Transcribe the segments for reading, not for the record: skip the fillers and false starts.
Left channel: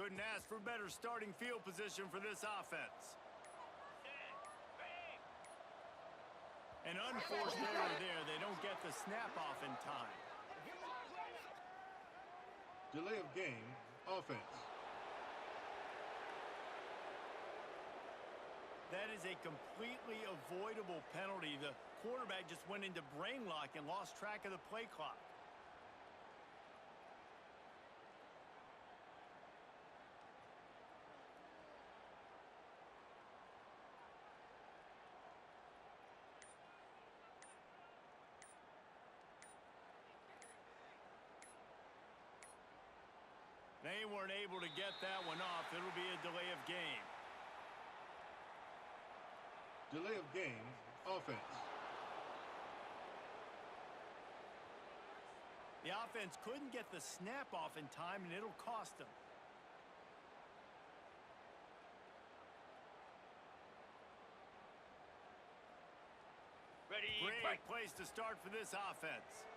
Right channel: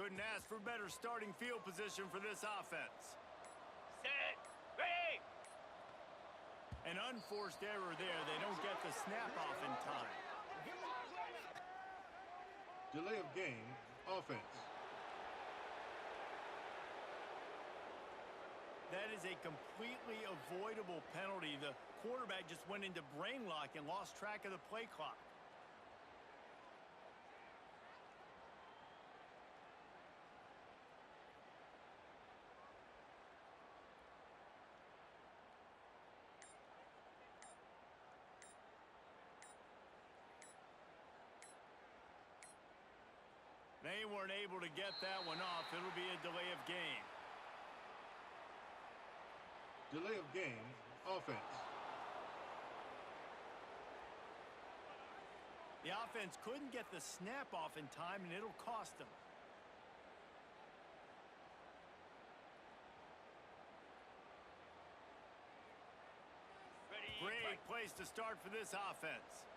Couldn't ask for better starting field position for this offense. Set. Ready. An unforced error there. They don't get the snap off in time. Delay of game, offense. That is a completely avoidable penalty. The quarterback just went into brain lock and lost track of the play clock. They weren't able to get that one off. It'll be a delay of game. Delay of game, offense. The offense couldn't get the snap off in time, and it'll cost them. Ready. Great Fight. place to start for this offense.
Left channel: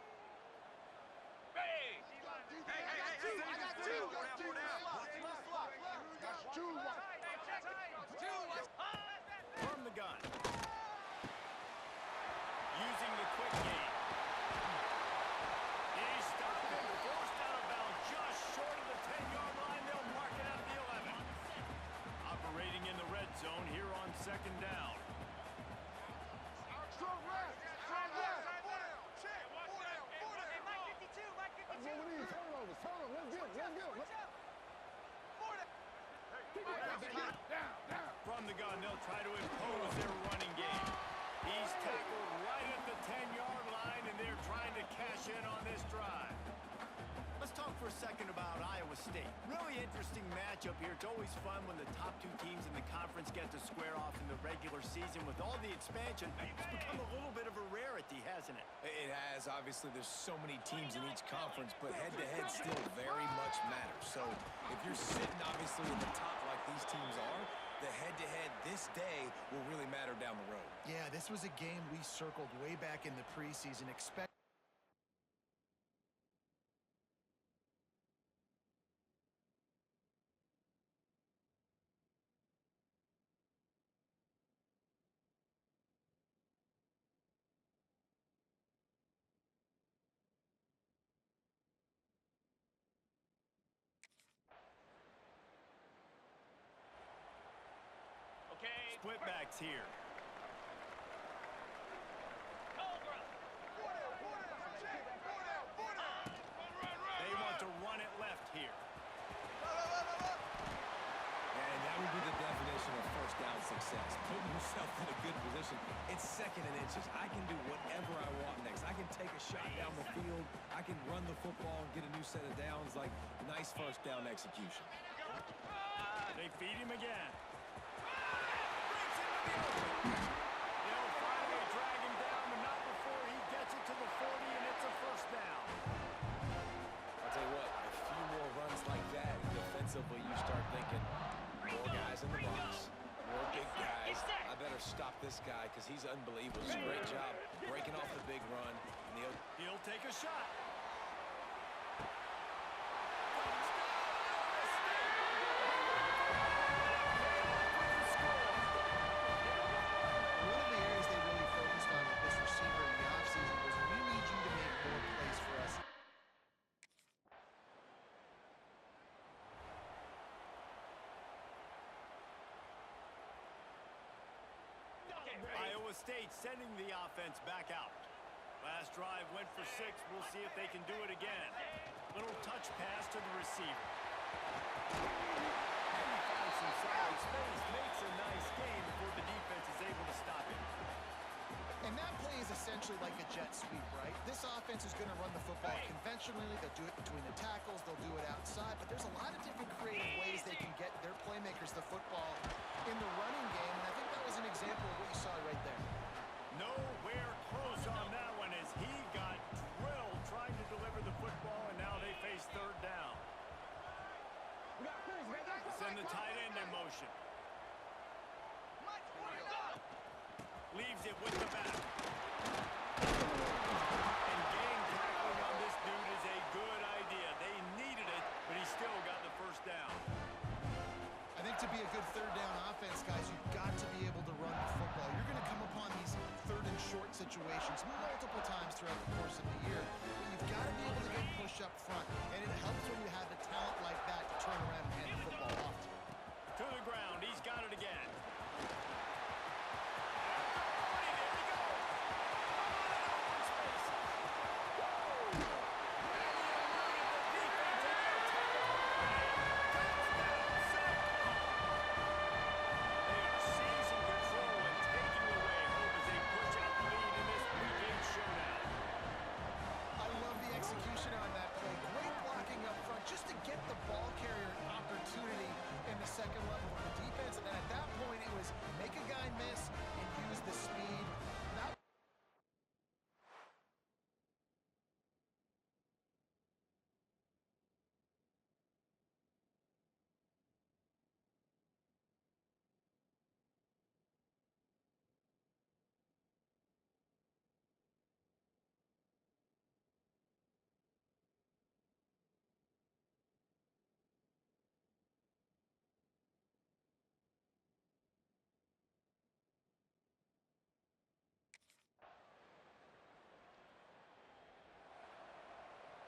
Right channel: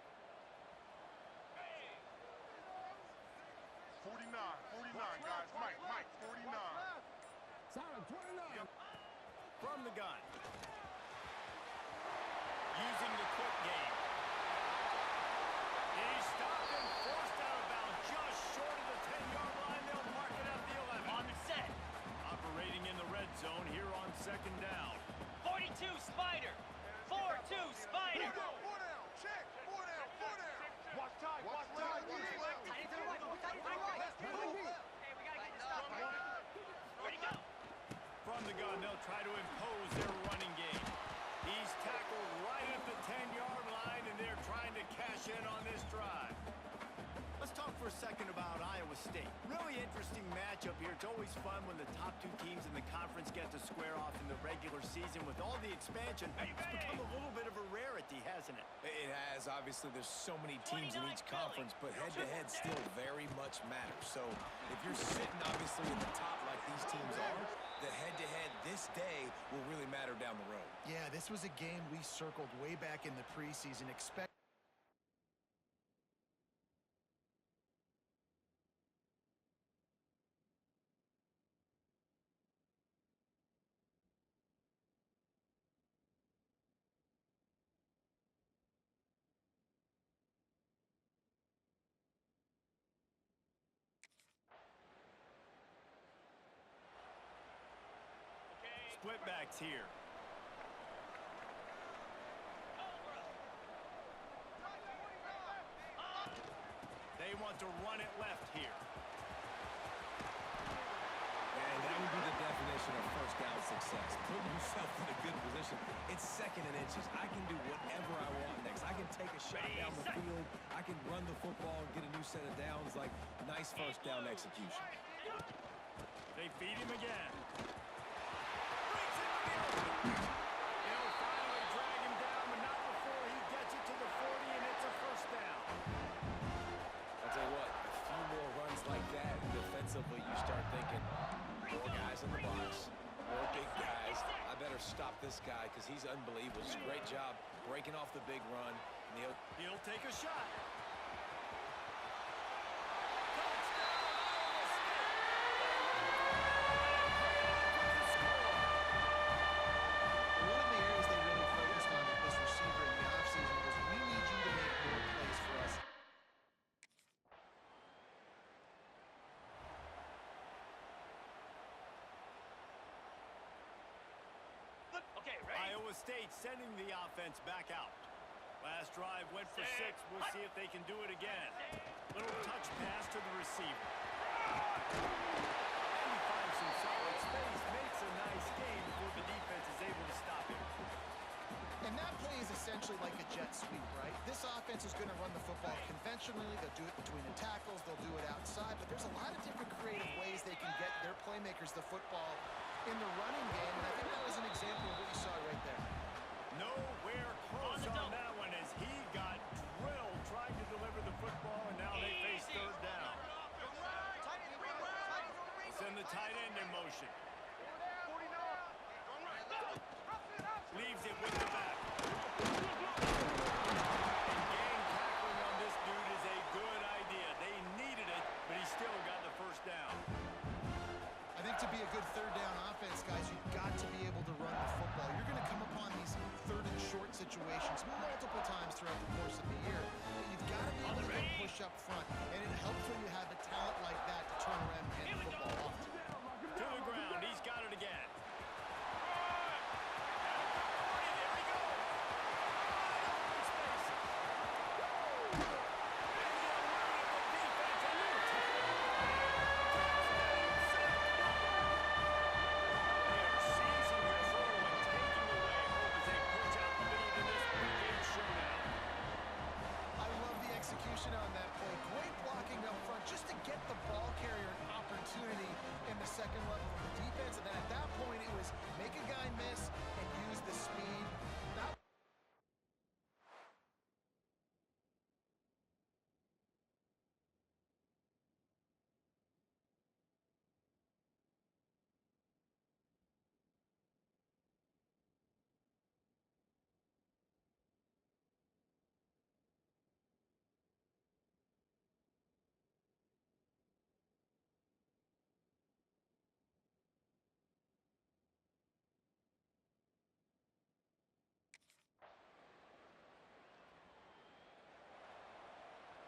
Ready. From the gun. Using the quick game. He's stopped and forced out of bounds just short of the 10-yard line. They'll mark it at the 11. On the set. Operating in the red zone here on second down. 42 Spiders. 4-2 Spiders. Four down, check. Four down, four down. From the gun, they'll try to impose their running game. He's tackled right at the 10-yard line, and they're trying to cash in on this drive. Let's talk for a second about Iowa State. Really interesting matchup here. It's always fun when the top two teams in the conference get to square off in the regular season. With all the expansion, it's become a little bit of a rarity, hasn't it? It has. Obviously, there's so many teams in each conference, but head-to-head still very much matters. So if you're sitting, obviously, in the top like these teams are, the head-to-head this day will really matter down the road. Yeah, this was a game we circled way back in the preseason. Okay. Split backs here. Cobra. They want to run it left here. And that would be the definition of first down success. Putting yourself in a good position. It's second and inches. I can do whatever I want next. I can take a shot down the field. I can run the football and get a new set of downs. Like, nice first down execution. They feed him again. Breaks into the open. They'll finally drag him down, but not before he gets it to the 40, and it's a first down. I'll tell you what, a few more runs like that, and defensively you start thinking, more guys in the box, more big guys. I better stop this guy because he's unbelievable. Just a great job breaking off the big run. And He'll take a shot. One of the areas they really focused on with this receiver in the offseason was we need you to make more plays for us. Okay, ready. Iowa State sending the offense back out. Last drive went for 6. We'll see if they can do it again. Little touch pass to the receiver. And he finds some solid space, makes a nice gain before the defense is able to stop him. And that play is essentially like a jet sweep, right? This offense is going to run the football conventionally. They'll do it between the tackles. They'll do it outside. But there's a lot of different creative ways they can get their playmakers the football in the running game. And I think that was an example of what you saw right there. Nowhere close on that one as he got drilled trying to deliver the football, and now they face third down. They send the tight end in motion. Leaves it with the back. And gang tackling on this dude is a good idea. They needed it, but he still got the first down. To be a good third down offense, guys, you've got to be able to run the football. You're going to come upon these third and short situations multiple times throughout the course of the year, but you've got to be able to get push up front, and it helps when you have a talent like that to turn around and hand the football off to. To the ground, he's got it again. At the 40, there he goes. Wide open spaces. And he eluded the defense, and he'll take it away. Touchdown, Cyclones. They are seizing control and taking away hope as they push out the lead in this week 8 showdown. I love the execution on that play. Great blocking up front just to get the ball carrier an opportunity in the second level of the defense. And then at that point, it was make a guy miss and use the speed. That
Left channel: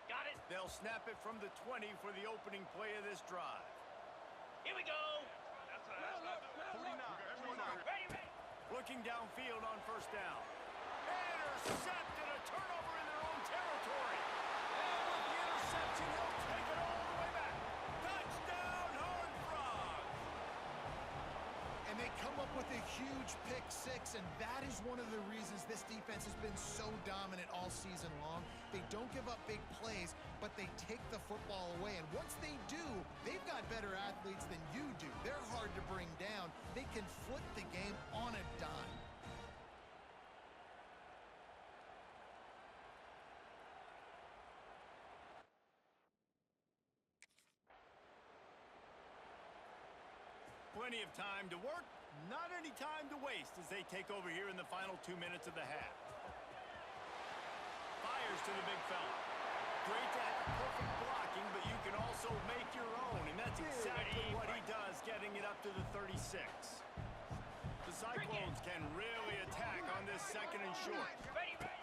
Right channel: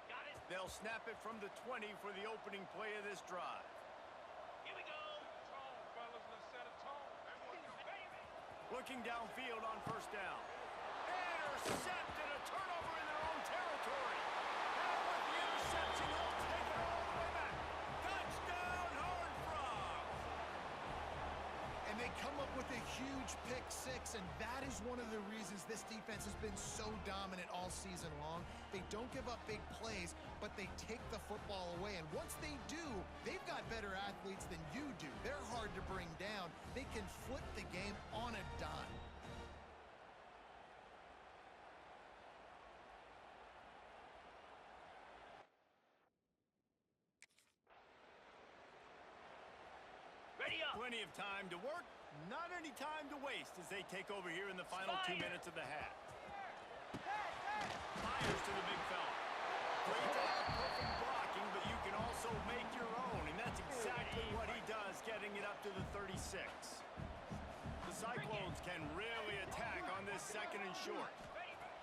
Got it. They'll snap it from the 20 for the opening play of this drive. Here we go. Ready, ready. Looking downfield on first down. Intercepted, a turnover in their own territory. And with the interception, he'll take it all the way back. Touchdown, Horned Frogs! And they come up with a huge pick six, and that is one of the reasons this defense has been so dominant all season long. They don't give up big plays, but they take the football away. And once they do, they've got better athletes than you do. They're hard to bring down. They can flip the game on a dime. Ready up. Plenty of time to work, not any time to waste as they take over here in the final 2 minutes of the half. Fires to the big fella. Great to have perfect blocking, but you can also make your own, and that's exactly what he does, getting it up to the 36. The Cyclones can really attack on this second and short. Ready, ready.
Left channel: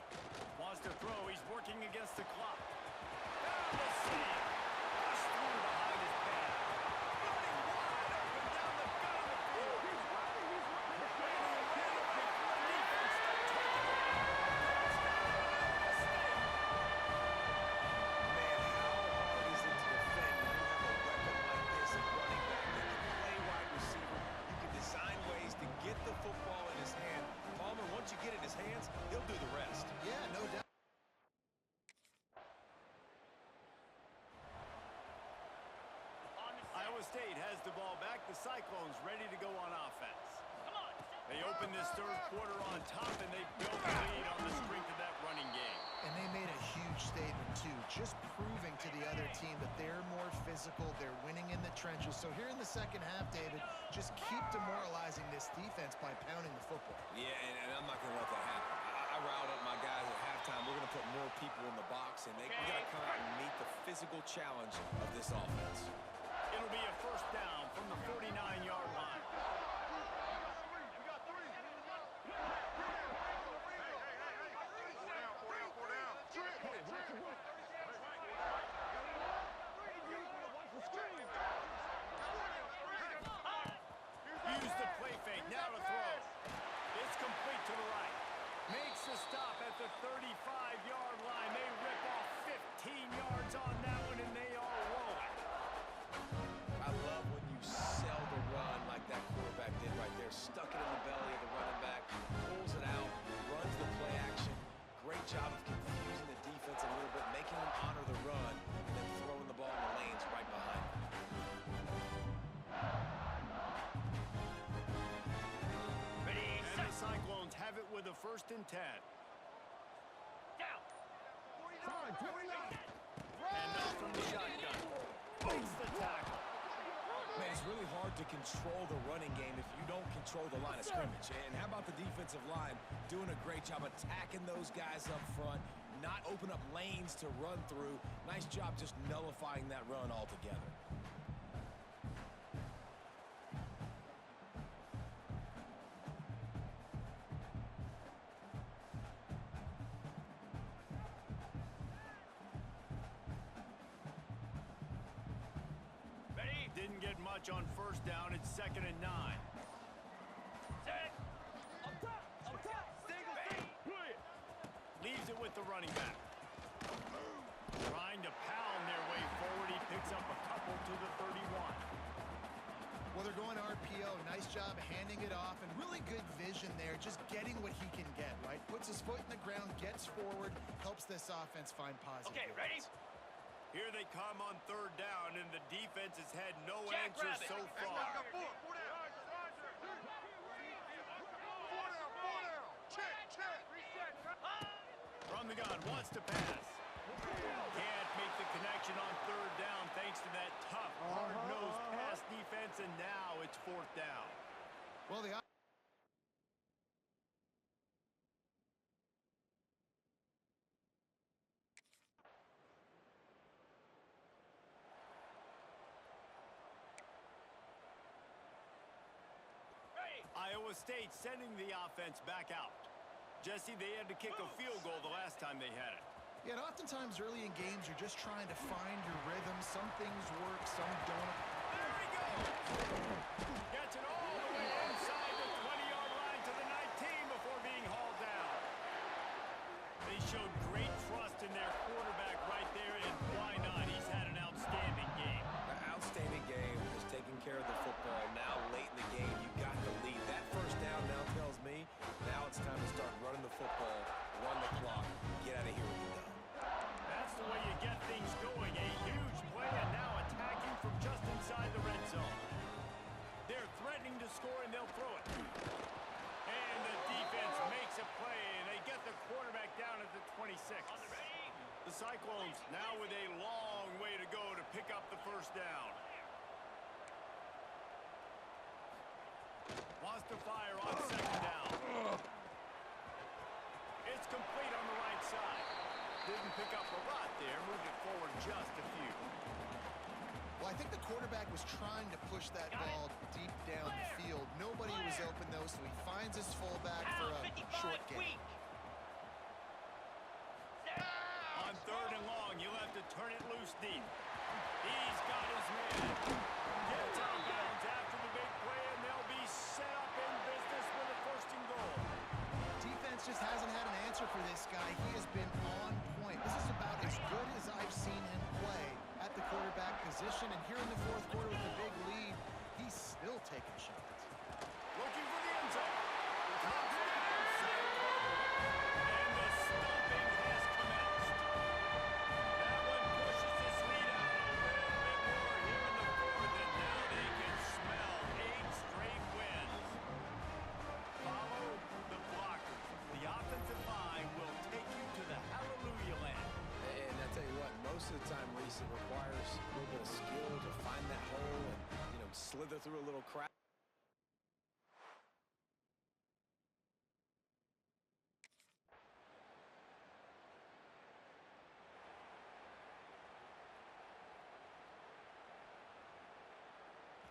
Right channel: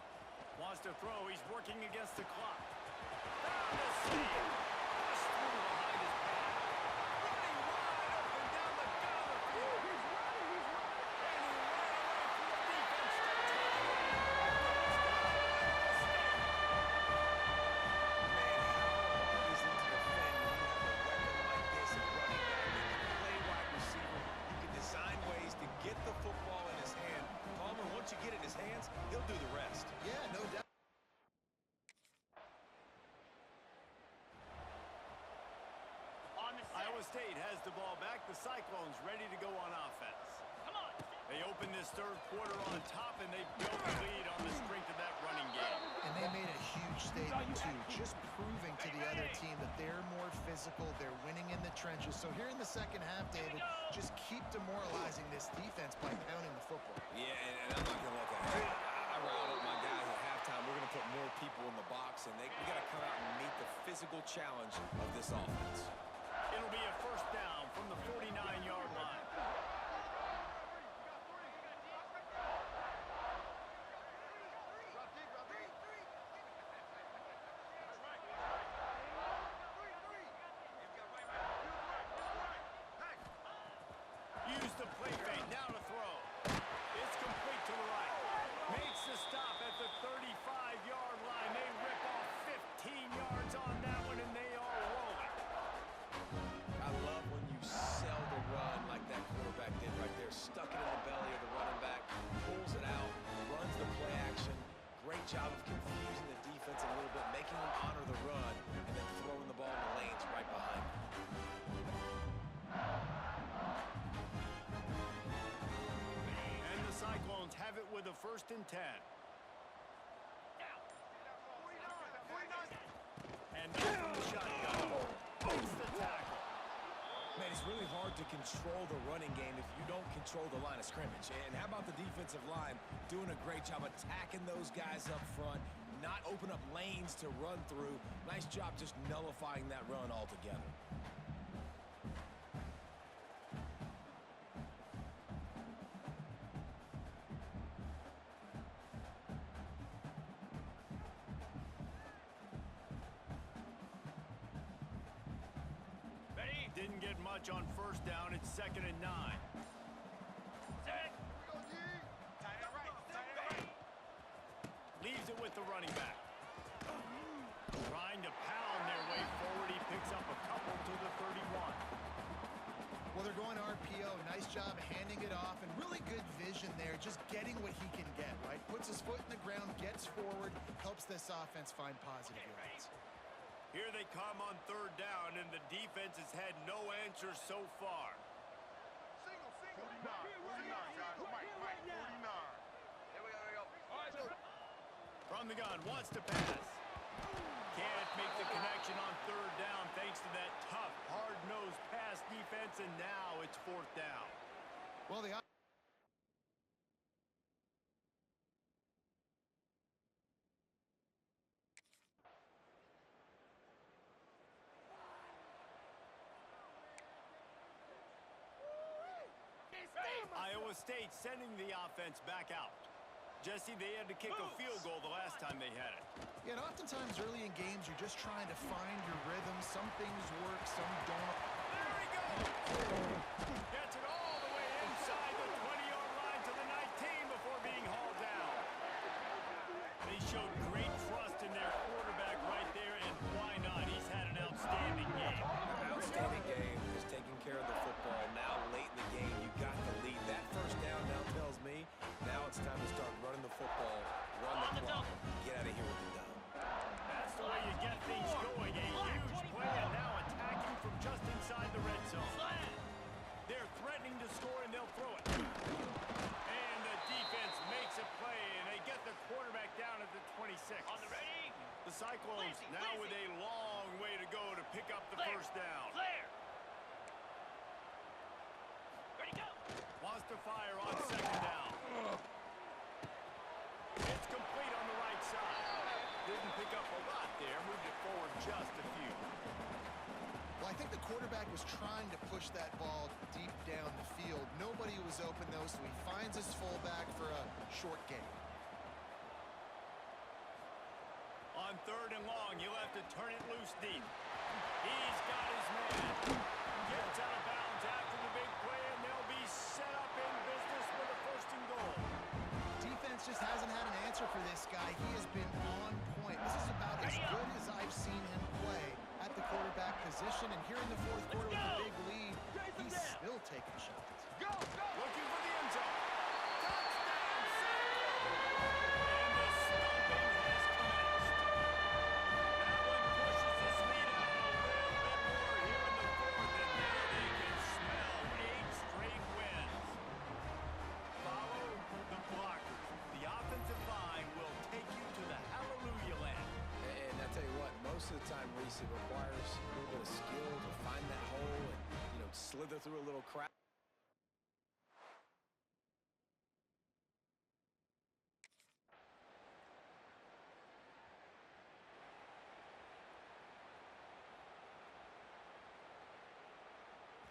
Wants to throw, he's working against the clock. Found a seam. Pushed through behind his pad. Running wide open down the gut of the field. He's running. And he ran away from the defense to take it in. Touchdown, Iowa State. Man, how hard is it to defend when you have a weapon like this at running back that can play wide receiver? You can design ways to get the football in his hand. Palmer, once you get it in his hands, he'll do the rest. Yeah, no doubt. On the set. Iowa State has the ball back. The Cyclones ready to go on offense. Come on. They open this third quarter on top, and they built the lead on the strength of that running game. And they made a huge statement, too, just proving to the other team that they're more physical, they're winning in the trenches. So here in the second half, David, just keep demoralizing this defense by pounding the football. Yeah, and I'm not going to let that happen. I riled up my guys at halftime. We're going to put more people in the box, and we got to come out and meet the physical challenge of this offense. It'll be a first down from the 49-yard line. Use the play fake, now to throw. It's complete to the right. Makes the stop at the 35-yard line. They rip off 15 yards on that one, and they are rolling. I love when you sell the run like that quarterback did right there. Stuck it in the belly of the running back, pulls it out, runs the play action. Great job of confusing the defense a little bit, making them honor the run, and then throwing the ball in the lanes right behind them. And the Cyclones have it with a 1st and 10. Down. And now from the shotgun. Breaks the tackle. Man, it's really hard to control the running game if you don't control the line of scrimmage. And how about the defensive line doing a great job attacking those guys up front, not open up lanes to run through. Nice job just nullifying that run altogether. didn't get much on first down. It's 2nd and 9. Set. Leaves it with the running back. Trying to pound their way forward. He picks up a couple to the 31. Well, they're going RPO. Nice job handing it off, and really good vision there, just getting what he can get, right? Puts his foot in the ground, gets forward, helps this offense find positive Okay, ready? yards. Here they come on 3rd down, and the defense has had no answers so far. From the gun, wants to pass. Can't make the connection on 3rd down thanks to that tough, hard-nosed pass defense, and now it's 4th down. Well, the Iowa State sending the offense back out. Jesse, they had to kick a field goal the last time they had it. Yeah, and oftentimes early in games, you're just trying to find your rhythm. Some things work, some don't. There he goes! Gets it all the way inside the 20-yard line to the 19 before being hauled down. They showed great trust in their quarterback right there, and why not? He's had an outstanding game. An outstanding game, is taking care of the football. Now late in the game, you got the lead. That first down now tells me now it's time to start running the football, run the clock, get out of here with the dub. That's the way you get things going. A huge play, and now attacking from just inside the red zone. They're threatening to score, and they'll throw it. And the defense makes a play, and they get the quarterback down at the 26. On the ready? The Cyclones now with a long way to go to pick up the first down. Clear. Ready, go. Wants to fire on 2nd down. It's complete on the right side. Didn't pick up a lot there. Moved it forward just a few. Well, I think the quarterback was trying to push that ball deep down the field. Nobody was open, though, so he finds his fullback for a short gain. On 3rd and long, you'll have to turn it loose deep. He's got his man. Gets out of bounds after the big play, and they'll be set up in business with a 1st and goal. Defense just hasn't had an answer for this guy. He has been on point. This is about as good as I've seen him play at the quarterback position. And here in the 4th quarter with a big lead, he's still taking shots. Looking for the end zone. Touchdown, Cyclones! And the stomping has commenced. That one pushes this lead out a little bit more here in the 4th, and now they can smell 8 straight wins. Follow the blockers. The offensive line will take you to the hallelujah land. And I tell you what, most of the time, Reese, it requires a little bit of skill to find that hole and, slither through a little crack.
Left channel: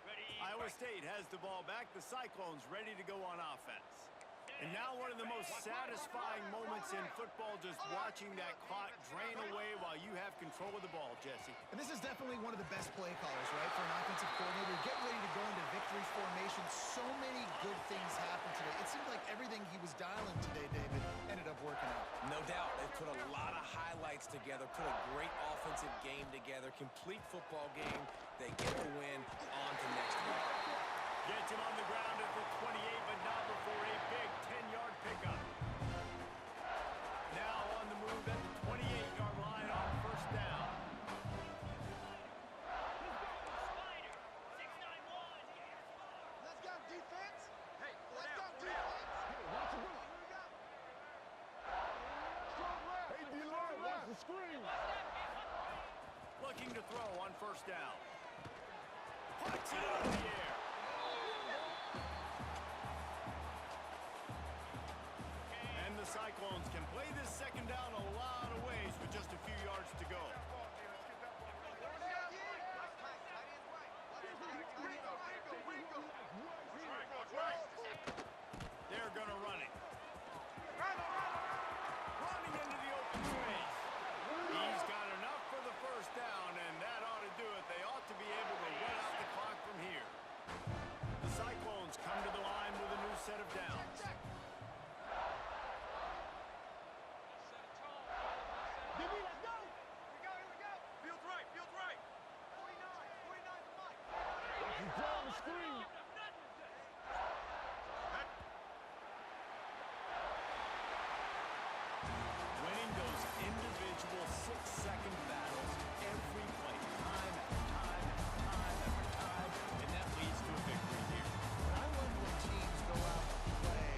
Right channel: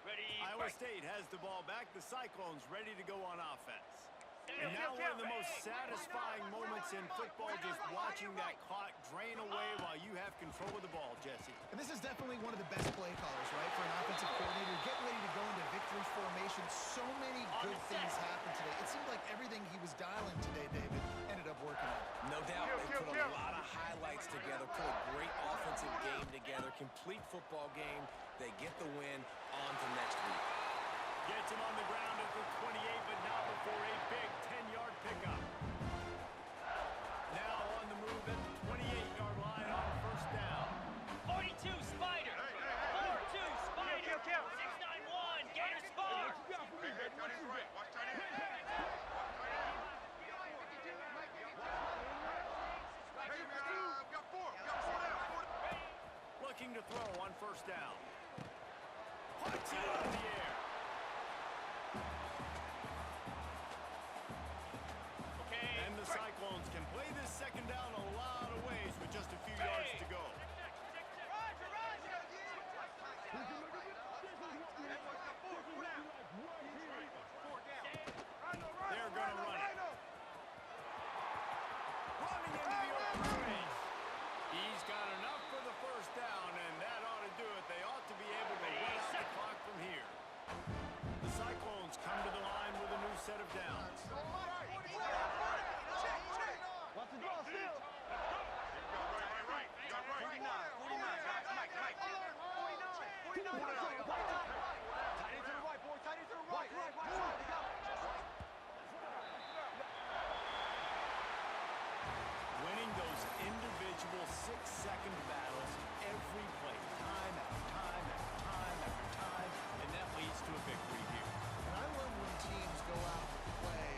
Ready, Iowa fight. State has the ball back. The Cyclones ready to go on offense. And now one of the most satisfying moments in football, just watching that clock drain away while you have control of the ball, Jesse. And this is definitely one of the best play callers, right, for an offensive coordinator. Get ready to go into victory formation. So many good things happened today. It seemed like everything he was dialing today, David, ended up working out. No doubt, they put a lot of highlights together, put a great offensive game together, complete football game. They get the win. On to next week. Gets him on the ground at the 28, but not before a big 10-yard pickup. Now on the move at the 28-yard line on 1st down. 42 Spider. 42 Spider. 691. Gators far. Looking to throw on 1st down. Puts it out of the air. And the Cyclones can play this 2nd down a lot of ways with just a few yards to go. They're going to run it. Running into the open space. He's got enough for the 1st down, and that ought to do it. They ought to be able to run out the clock. set of downs. Winning those individual 6-second battles every play, time after time after time after time, and that leads to a victory here. And I love when teams go out and play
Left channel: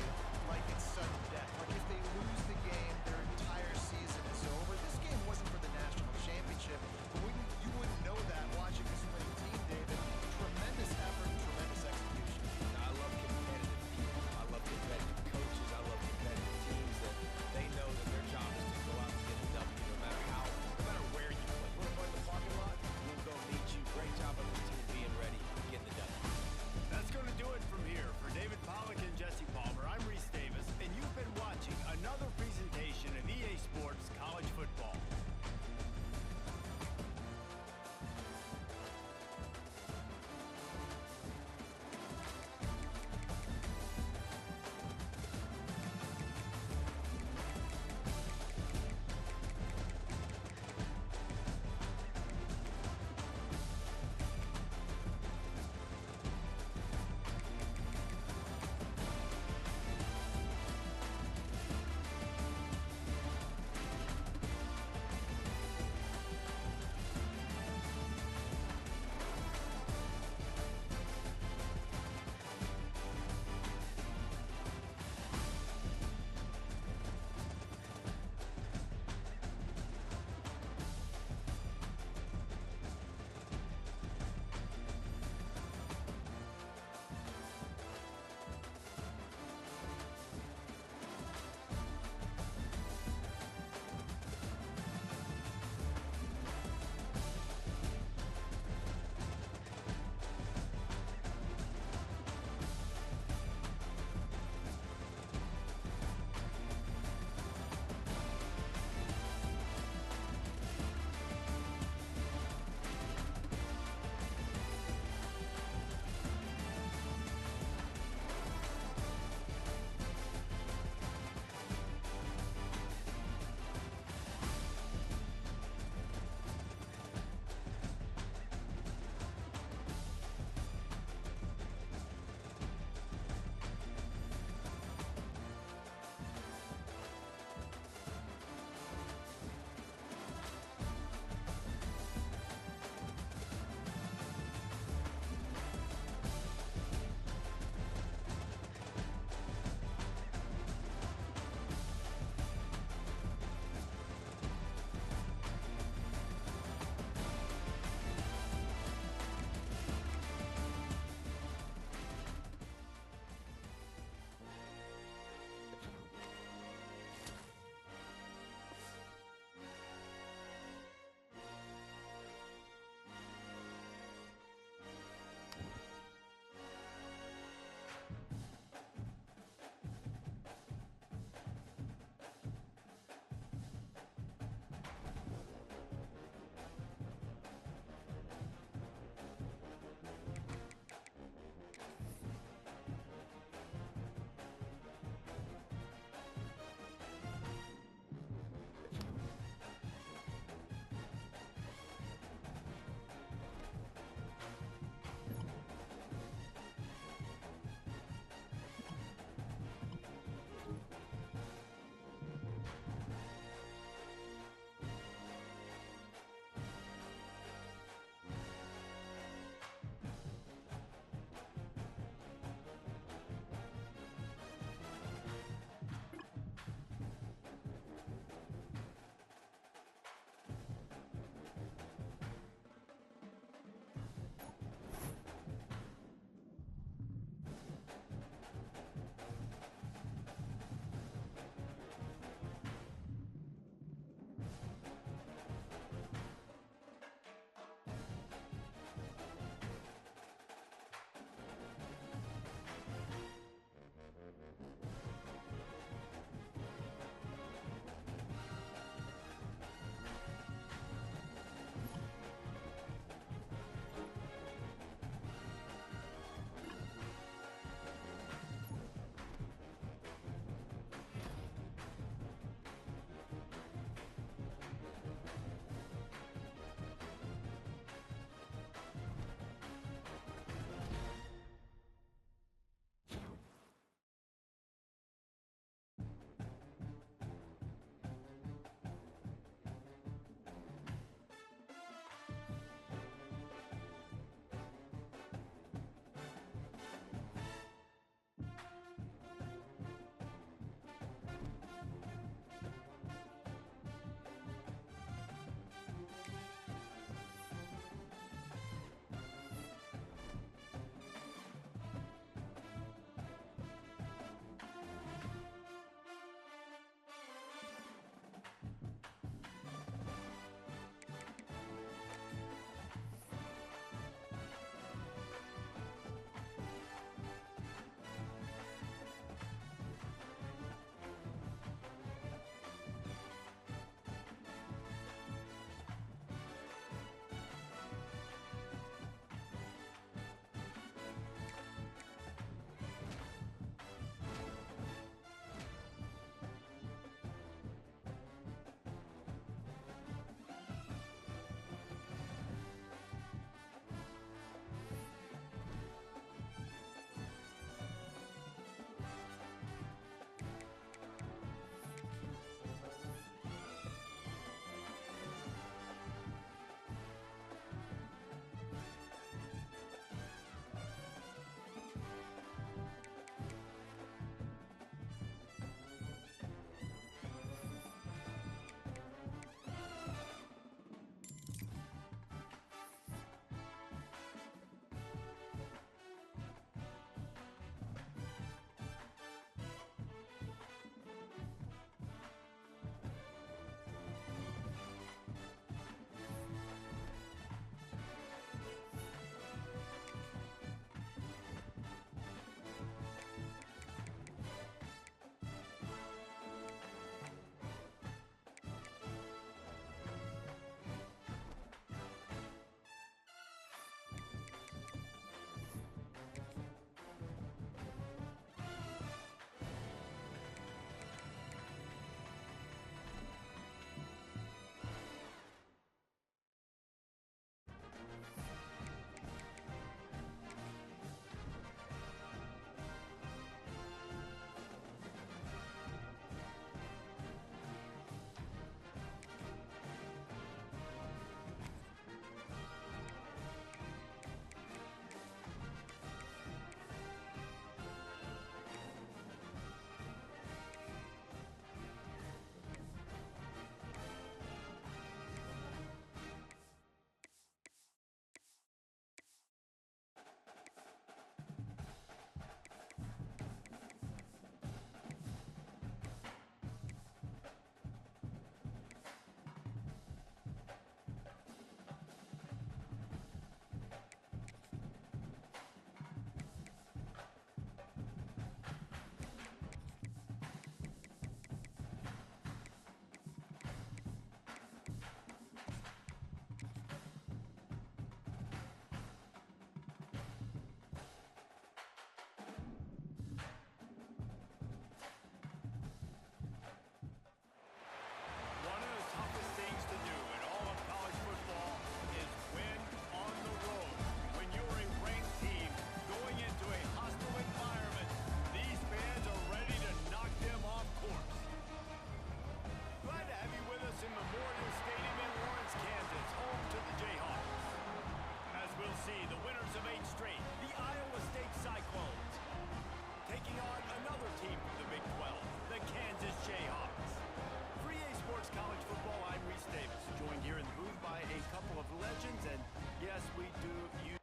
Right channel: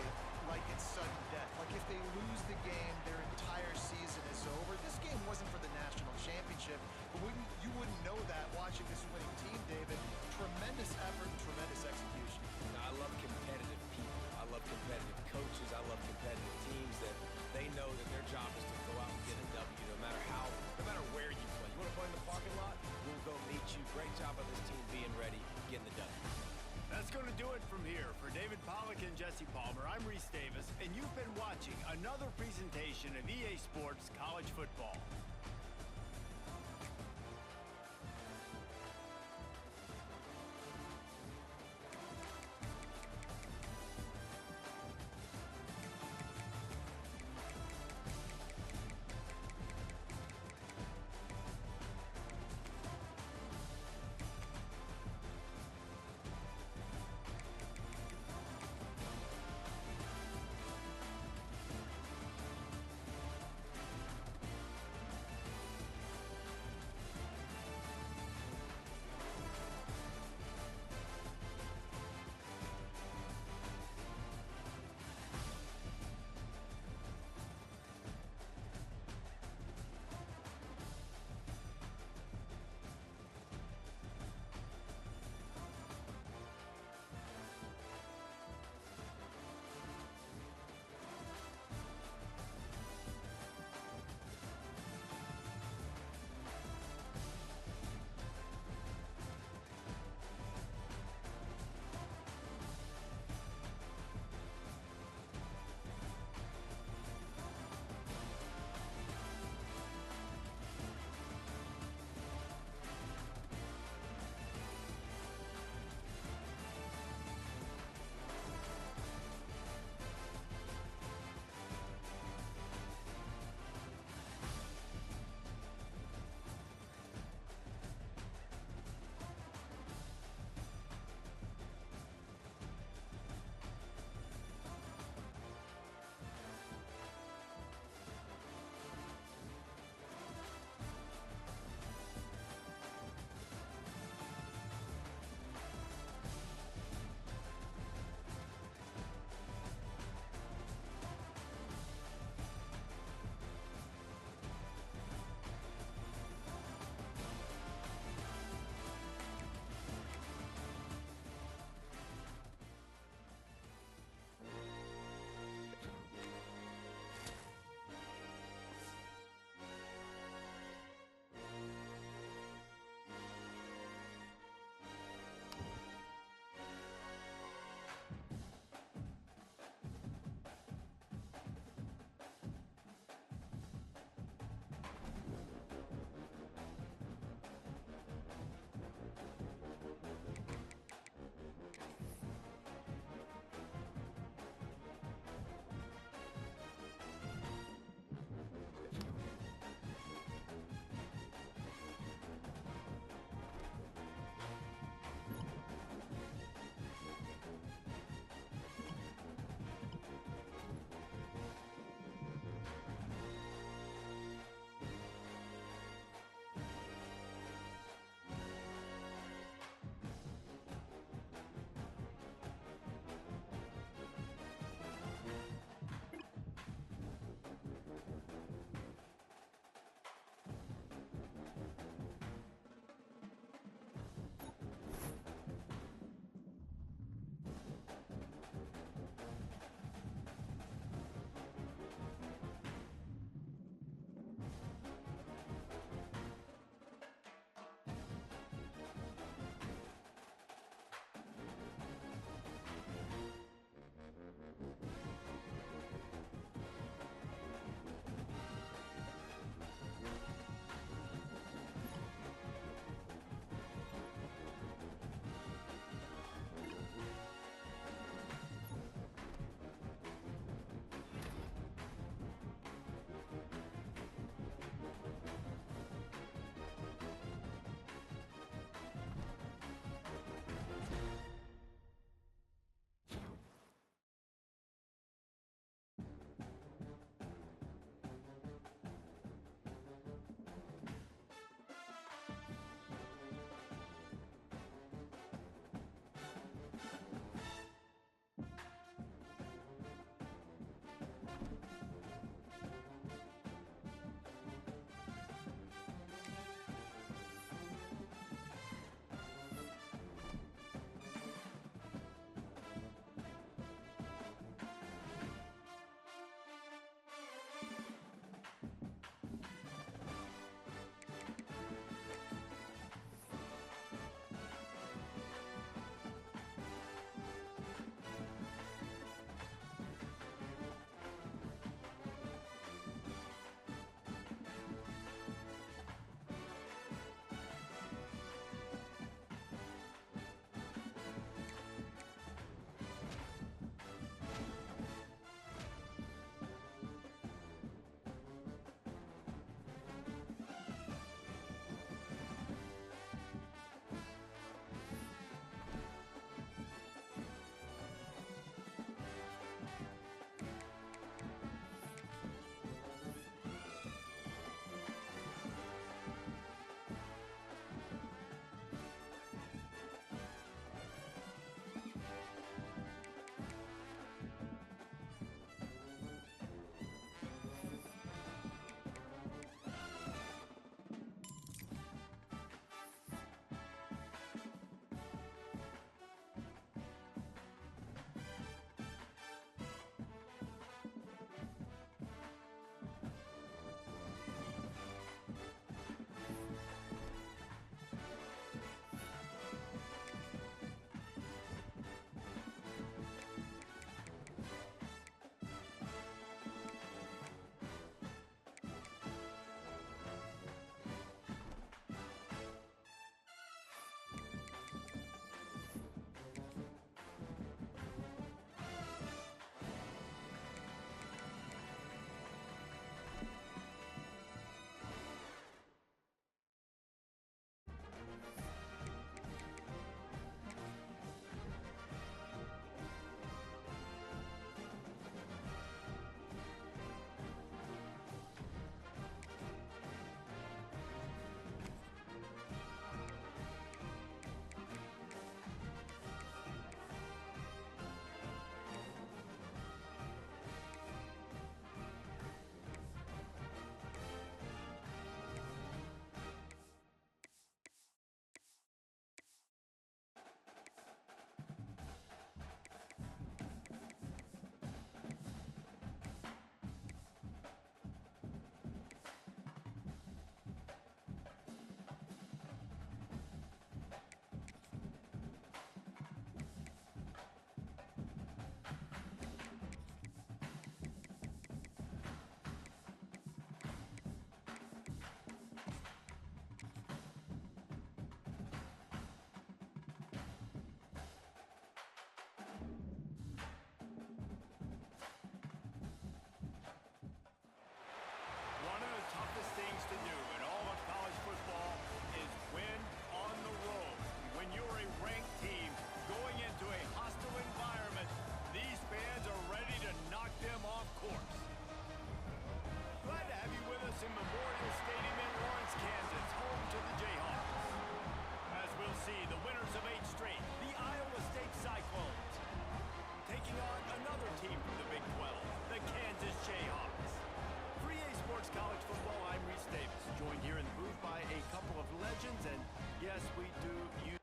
offense, and yes, we do use...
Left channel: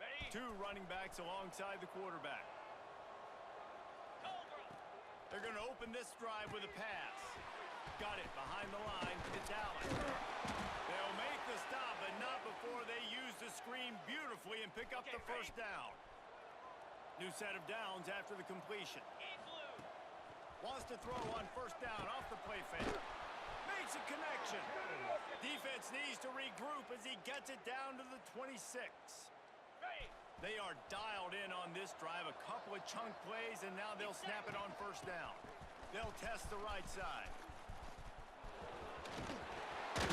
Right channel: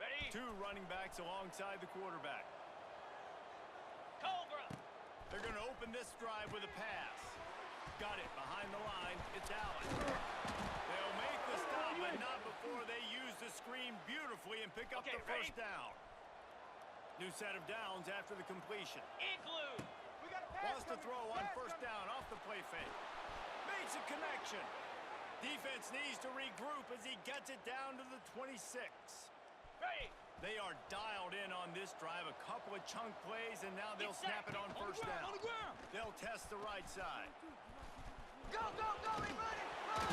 Ready? Two running backs alongside the quarterback. Cobra. They're going to open this drive with a pass. Got it behind the line. It's Allen. They'll make the stop, but not before they use the screen beautifully and pick up Okay, the first down. New set of downs after the completion. Igloo. Wants to throw on first down off the play fake. Makes a connection. Defense needs to regroup as he gets it down to the 26. Ready. They are dialed in on this drive. A couple of chunk plays, and now they'll snap it on first down. They'll test the right side. Can't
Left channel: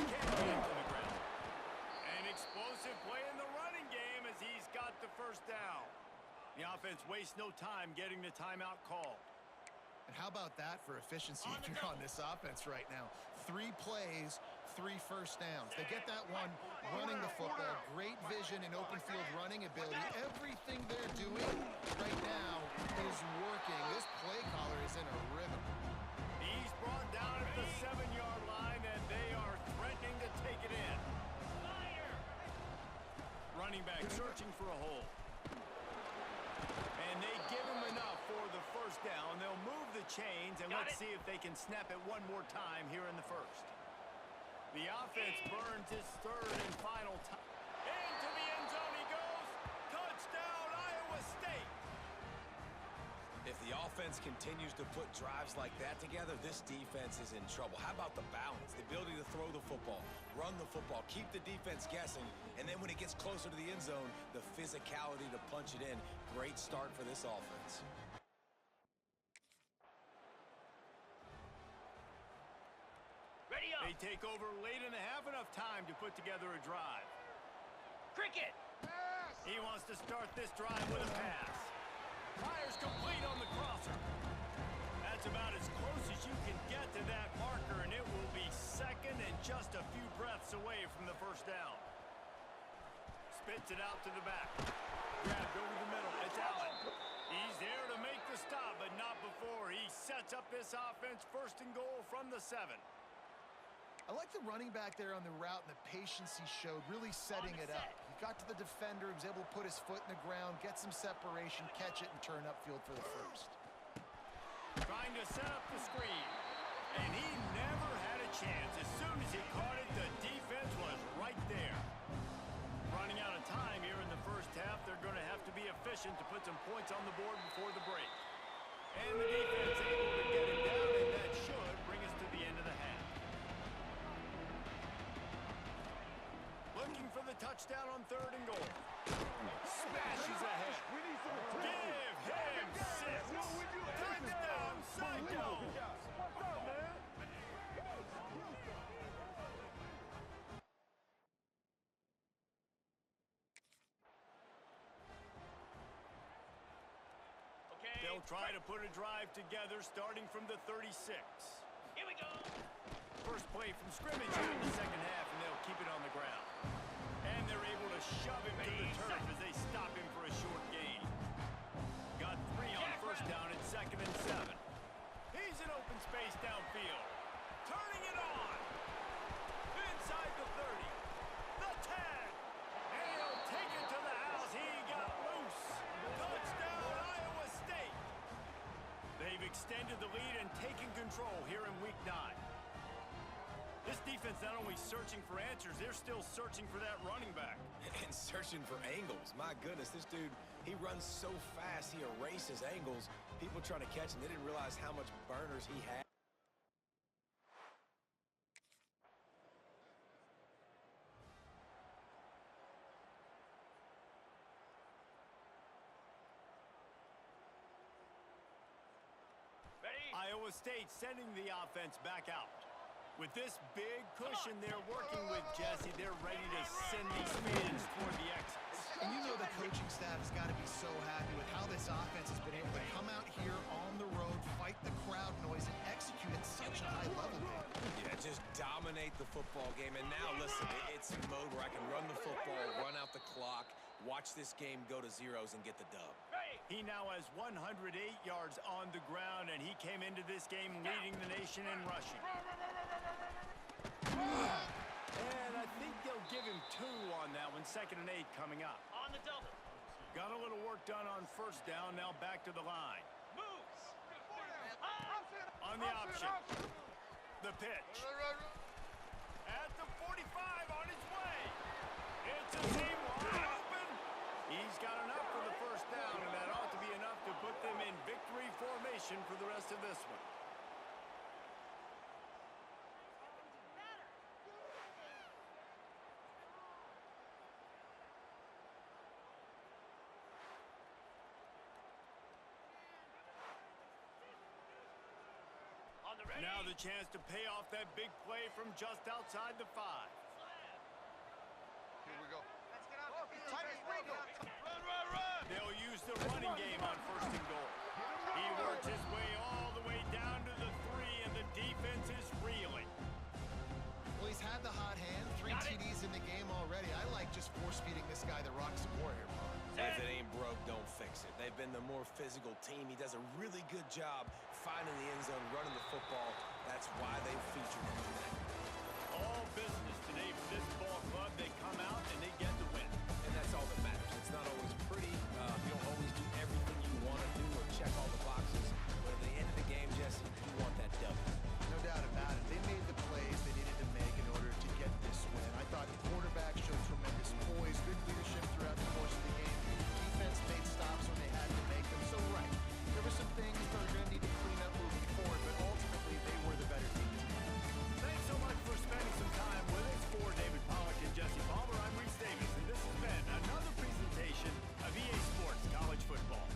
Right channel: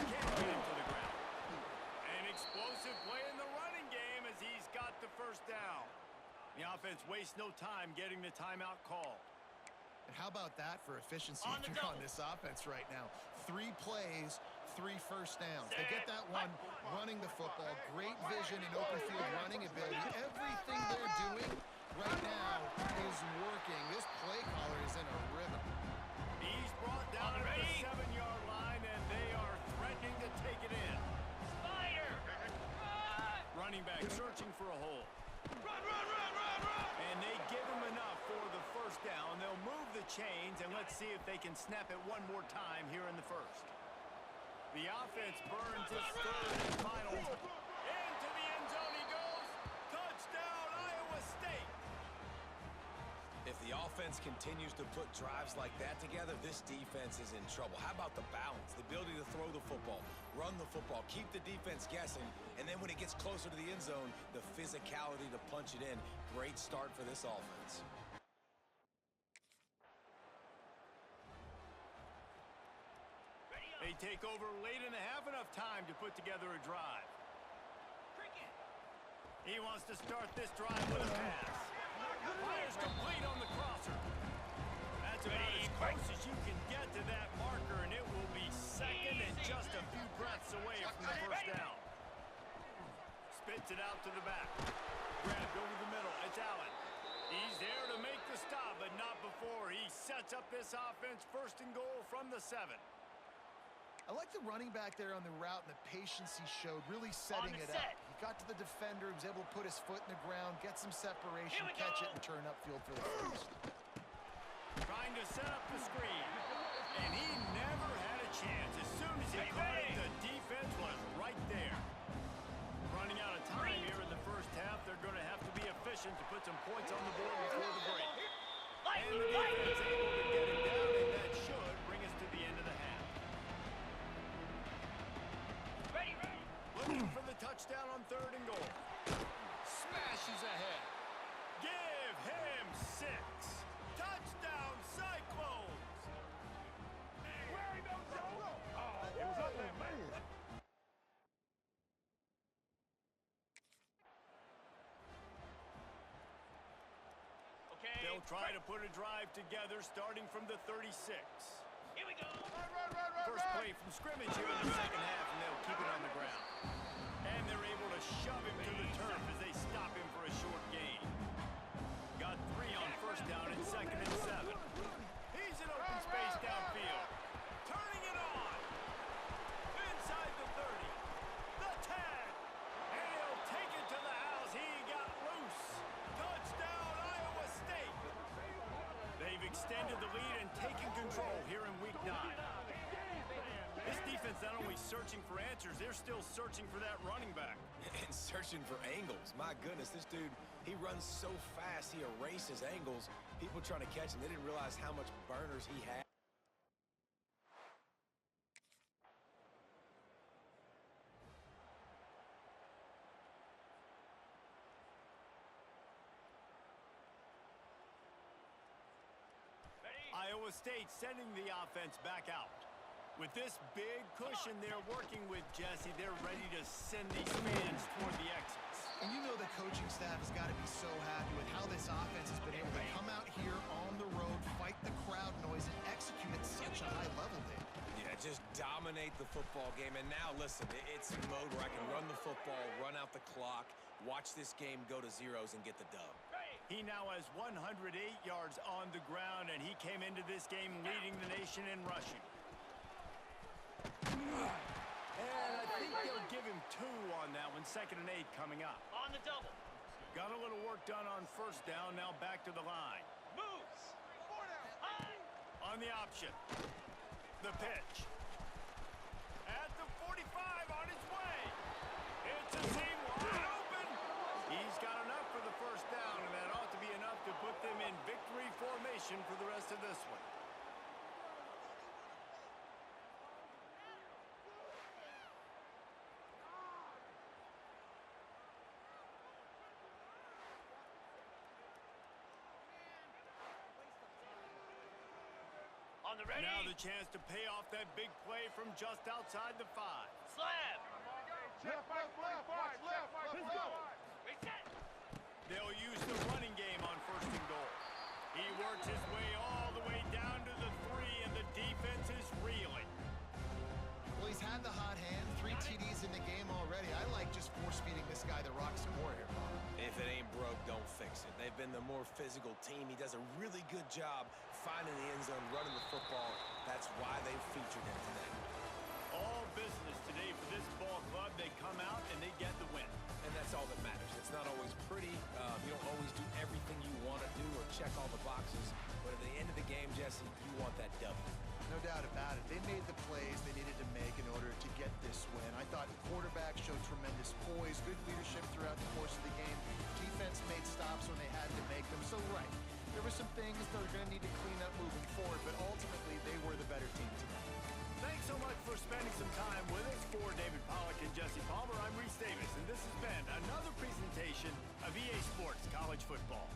get him to the ground. An explosive play in the running game as he's got the first down. The offense wastes no time getting the timeout called. And how about that for efficiency On if the you're on double. this offense right now? 3 plays, 3 first downs. They get that one running the football, great vision and open field running ability. Everything they're doing right now is working. This play caller is in a rhythm. He's brought down at the 7-yard line, and they are threatening to take it in. Spider. Running back searching for a hole. And they give him enough for the first down. They'll move the chains, and let's see if they can snap it one more time here in the first. The offense burns its third and final time. Into the end zone he goes. Touchdown, Iowa State. If the offense continues to put drives like that together, this defense is in trouble. How about the balance, the ability to throw the football, run the football, keep the defense guessing, and then when it gets closer to the end zone, the physicality to punch it in. Great start for this offense. Ready up. They take over late in the half, enough time to put together a drive. Cricket. He wants to start this drive with a pass. Fires complete on the crosser. That's about as close as you can get to that marker, and it will be second and just a few breaths away from the first down. Spits it out to the back. Grabbed over the middle. It's Allen. He's there to make the stop, but not before he sets up this offense first and goal from the 7. I like the running back there on the route and the patience he showed, really setting On the it up. set. He got to the defender, he was able to put his foot in the ground, get some separation, Here we catch go. it, and turn upfield for the first. Trying to set up the screen. And he never had a chance. As soon as he caught it, the defense was right there. Running out of time here in the first half. They're going to have to be efficient to put some points on the board before the break. And the defense able to get him down, and that should bring us to the end of the half. Ready. Looking for the touchdown on third and goal. Smashes ahead. Give him 6. Touchdown, Cyclones! Okay. They'll try to put a drive together starting from the 36. Here we go. First play from scrimmage here in the second half, and they'll keep it on the ground. And they're able to shove him to the turf as they stop him for a short gain. Got 3 on first down and second and 7. He's in open space downfield. Turning it on. Inside the 30. The 10. And he'll take it to the house. He got loose. Touchdown, Iowa State. They've extended the lead and taken control here in week 9. This defense not only searching for answers, they're still searching for that running back. And searching for angles. My goodness, this dude, he runs so fast, he erases angles. People trying to catch him, they didn't realize how much burners he had. Ready. Iowa State sending the offense back out. With this big cushion they're working with, Jesse, they're ready to send these fans toward the exits. And you know the coaching staff has got to be so happy with how this offense has been able to come out here on the road just dominate the football game. And now, listen, it's a mode where I can run the football, run out the clock, watch this game go to zeros and get the dub. He now has 108 yards on the ground, and he came into this game leading the nation in rushing. And I think they'll give him 2 on that one. 2nd and 8 coming up. On the double. Got a little work done on 1st down. Now back to the line. Moves. On the option. The pitch. At the 45 on his way. It's a seam wide open. He's got enough for the 1st down, and that ought to be enough to put them in victory formation for the rest of this one. On the ready. Now the chance to pay off that big play from just outside the 5. Slab. They'll use the running game on 1st and goal. He worked his way all the way down to the 3, and the defense is reeling. Well, he's had the hot hand, 3 TDs in the game already. I like just force-feeding this guy the rock some more here, Bob. If it ain't broke, don't fix it. They've been the more physical team. He does a really good job finding the end zone, running the football. That's why they featured him today. All business today for this ball club. They come out and they get the win. And that's all that matters. It's not always pretty. You don't always do everything you want to do or check all the boxes. But at the end of the game, Jesse, you want that W. No doubt about it. They made the plays they needed to make in order to get this win. I thought the quarterback showed tremendous poise, good leadership throughout the course of the game. Defense made stops when they had to make them. So, right, there were some things they're going to need to clean up moving forward, but ultimately they were the better team tonight. Thanks so much for spending some time with us. For David Pollack and Jesse Palmer, I'm Reese Davis, and this has been another presentation of EA Sports College Football.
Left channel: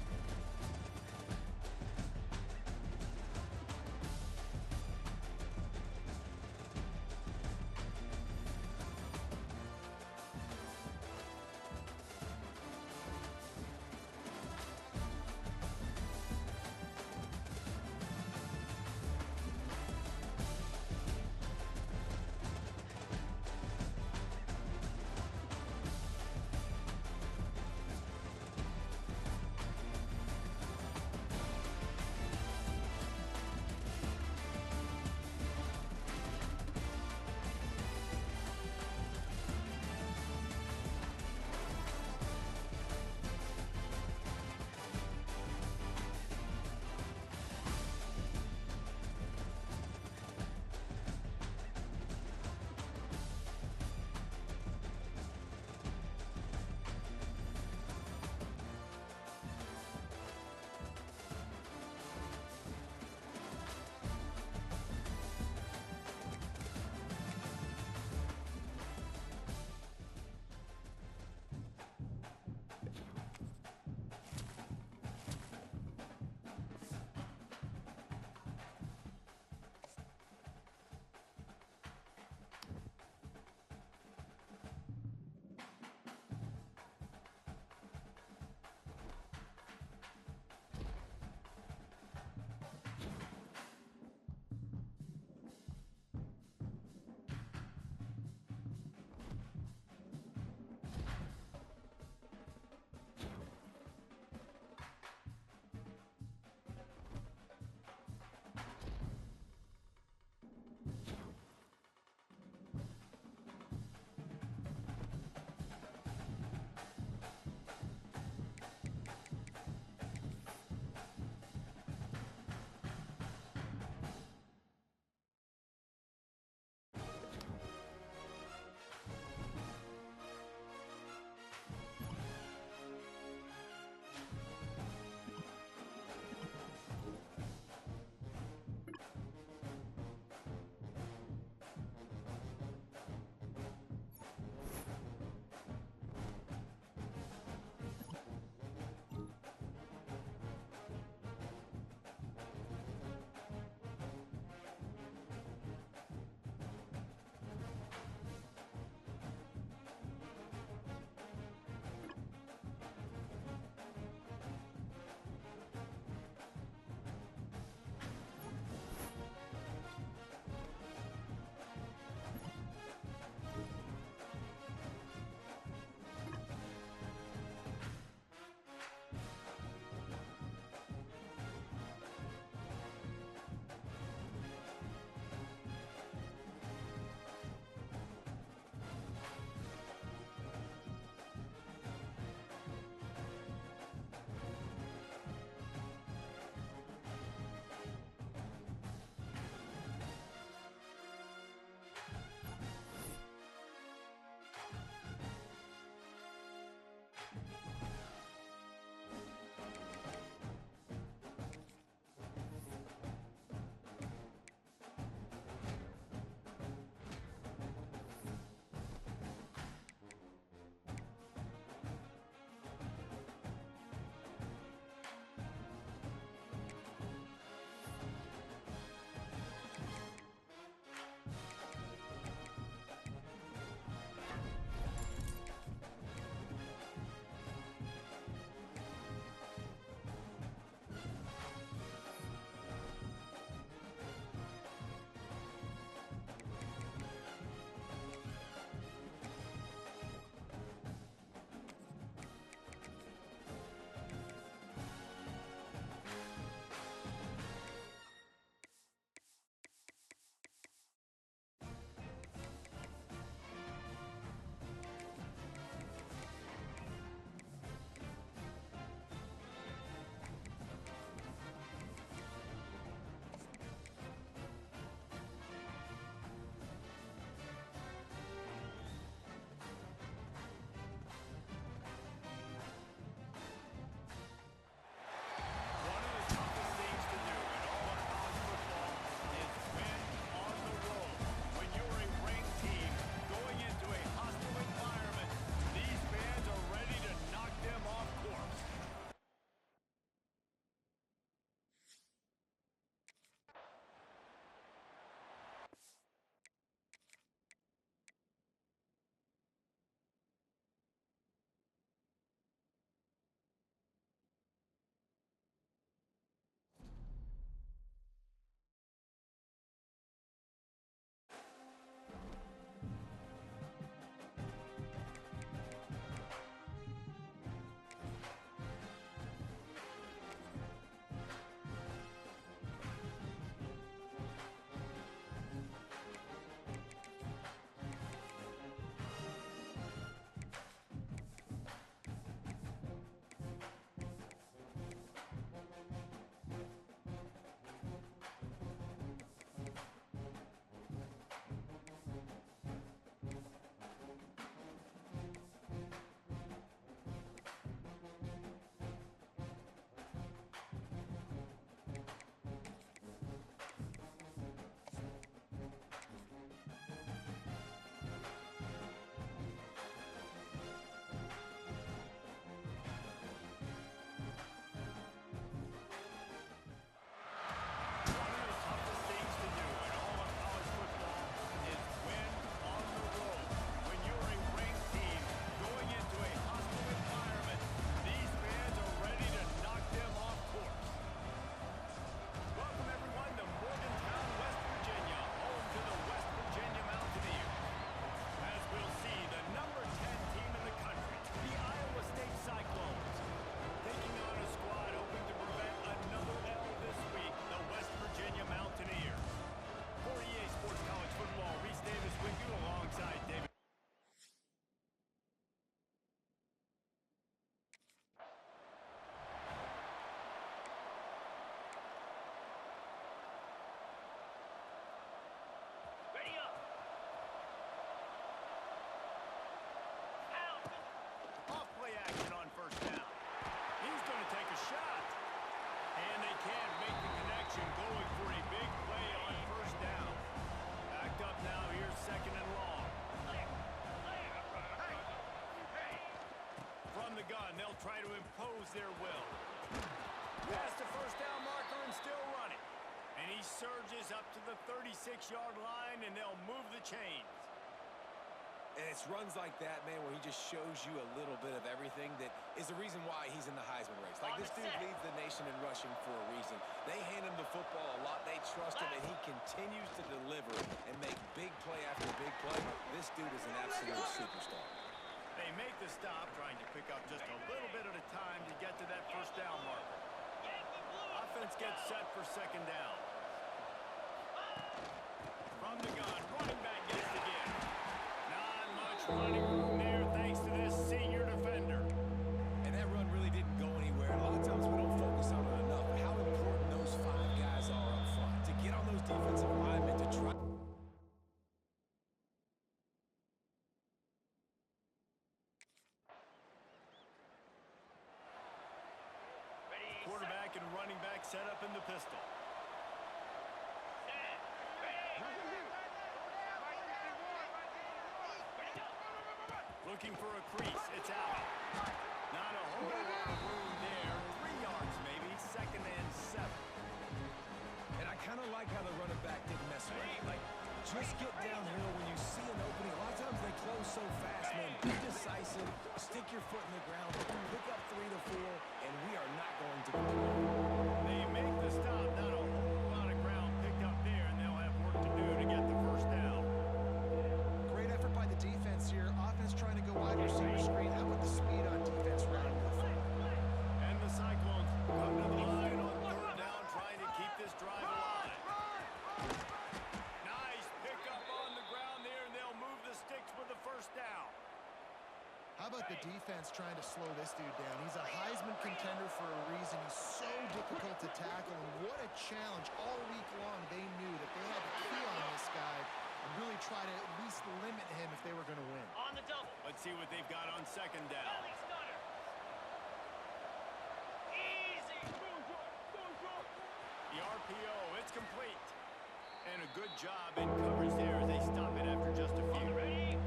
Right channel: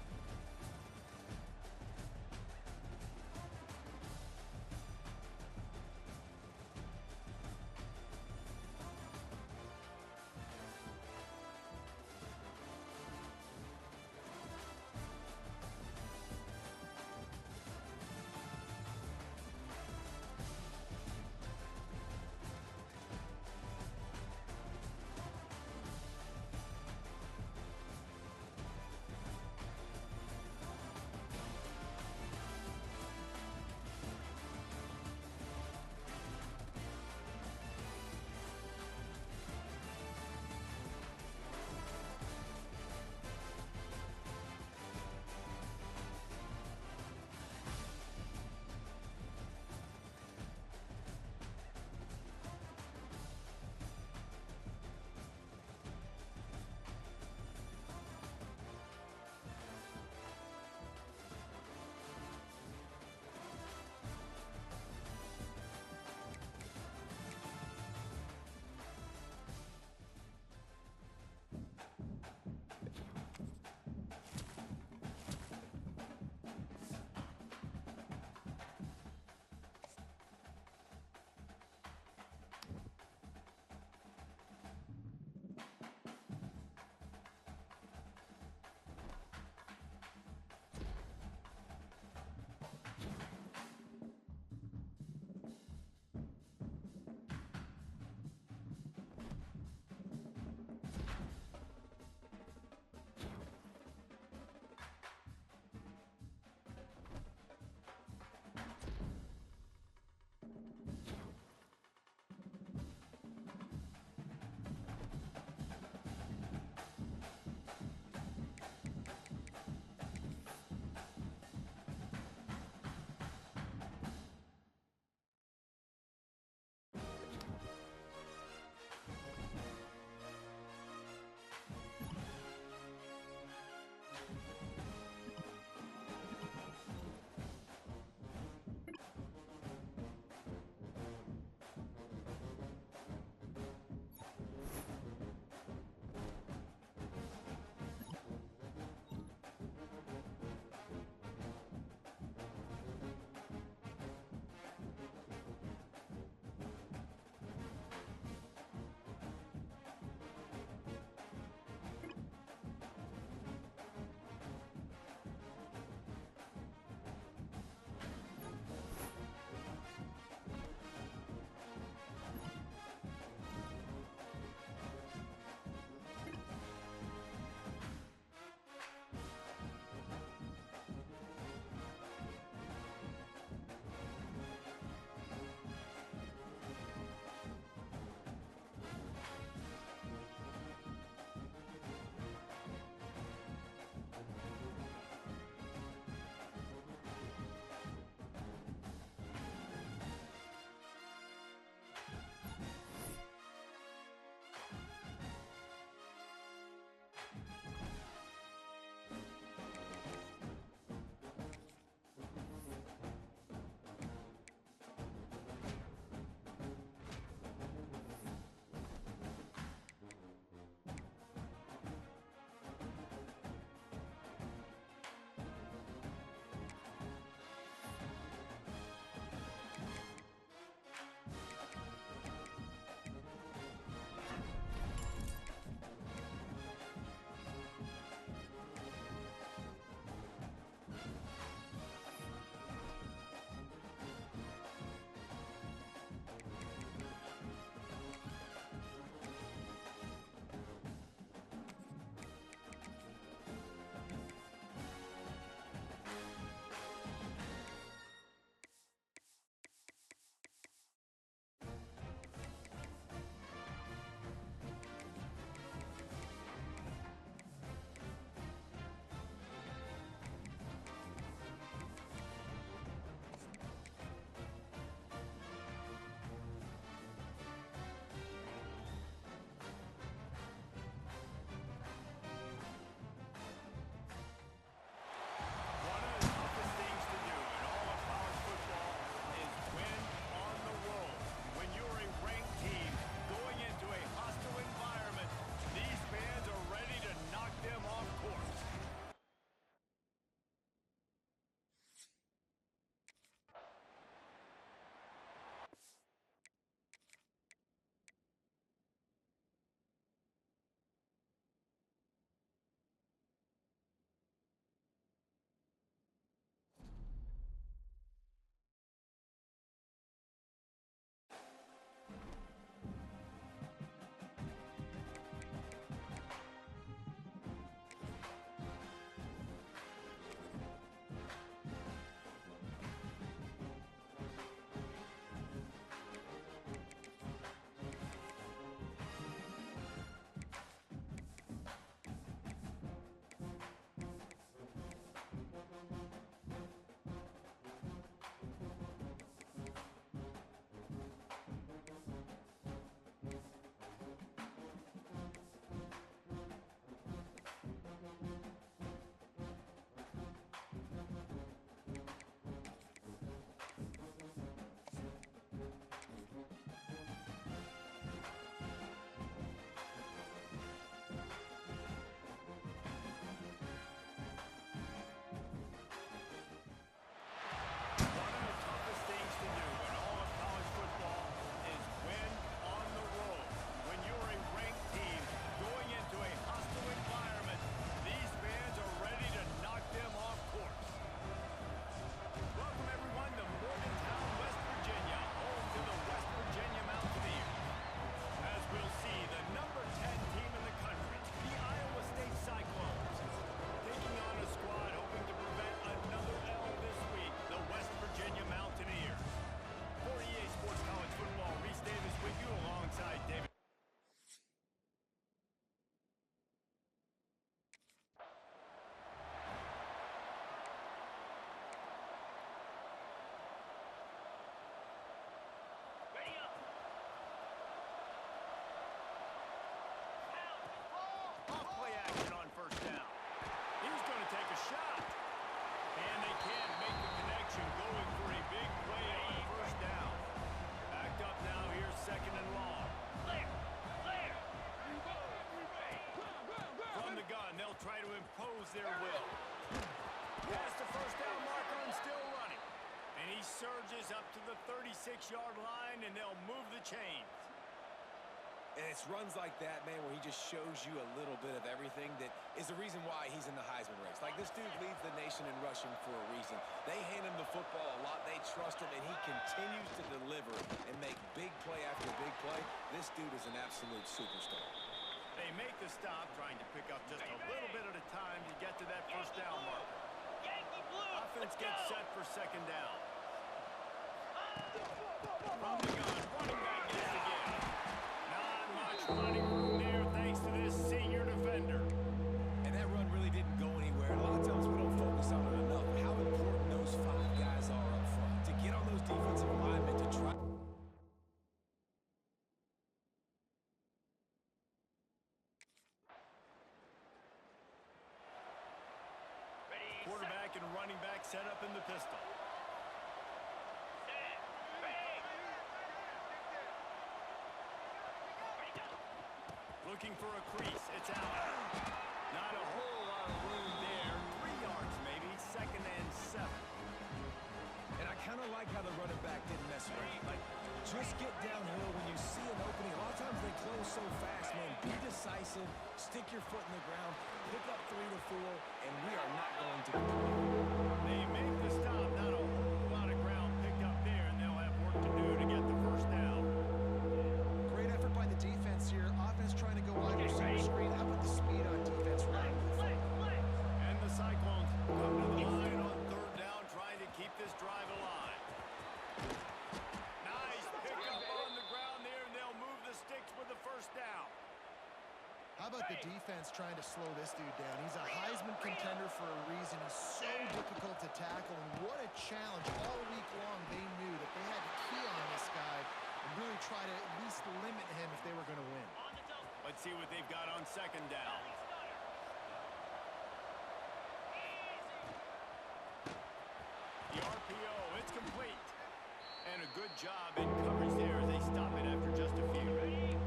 they can't make the connection, going for a big play on first down. Backed up now, here's second and long. Clear. Clear. From the gun, they'll try to impose their will. Past the first down marker and still running. And he surges up to the 36-yard line, and they'll move the chains. And it's runs like that, man, where he just shows you a little bit of everything that is the reason why he's in the Heisman race. Like, this dude leads the nation in rushing for a reason. They hand him the football a lot. They trust him, and he continues to deliver and make big play after big play. This dude is an absolute superstar. They make the stop, trying to pick up just a little bit at a time to get to that first down marker. Yankee Blue. Offense gets set for second down. From the gun, running back gets the give. Not much running room there thanks to this senior defender. And that run really didn't go anywhere. And a lot of times we don't focus on it enough, but how important those 5 guys are up front. To get on those defensive linemen, to try... Ready, Quarterback and running back set up in the pistol. set, ready. Ready, go. Looking for a crease. It's out. Not a whole lot of room there. 3 yards maybe. Second and 7. And I kind of like how the running back didn't mess around. Like, just get downhill when you see an opening. A lot of times they close so fast, man. Be decisive. Stick your foot in the ground. Pick up 3 to 4, and we are not going to complain. They make the stop. Not a whole lot of ground picked up there, and they'll have work to do to get the first down. Great effort by the defense here. Offense trying to go wide receiver screen. How about the speed on defense rounding the Play, play. And the Cyclones come to the line on third down, trying to keep this drive alive. Nice pickup on the ground there, and they'll move the sticks with the first down. How about the defense trying to slow this dude down? He's a Heisman contender for a reason. He's so difficult to tackle, and what a challenge. All week long, they knew that they had to key on this guy and really try to at least limit him if they were going to win. On the double. Let's see what they've got on second down. Belly stunner. Easy. The RPO, it's complete. And a good job in coverage there as they stop it after just a few. Ready.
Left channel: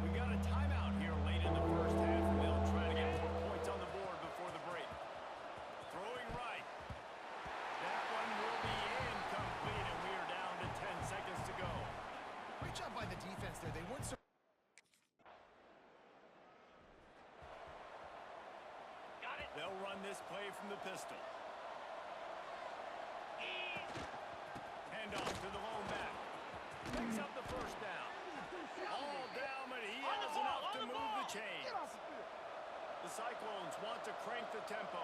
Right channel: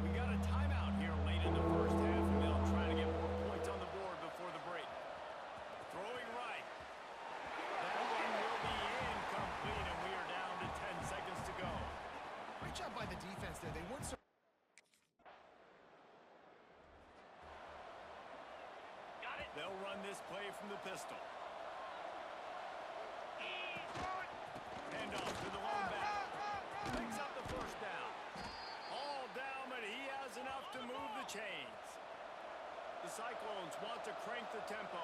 We got a timeout here late in the first half, and they'll try to get more points on the board before the break. Throwing right. That one will be incomplete, and we are down to 10 seconds to go. Great job by the defense there. They weren't so... Got it. They'll run this play from the pistol. Hand off to the lone back. Picks up the first down. All down, but he has enough to move the chains. The Cyclones want to crank the tempo.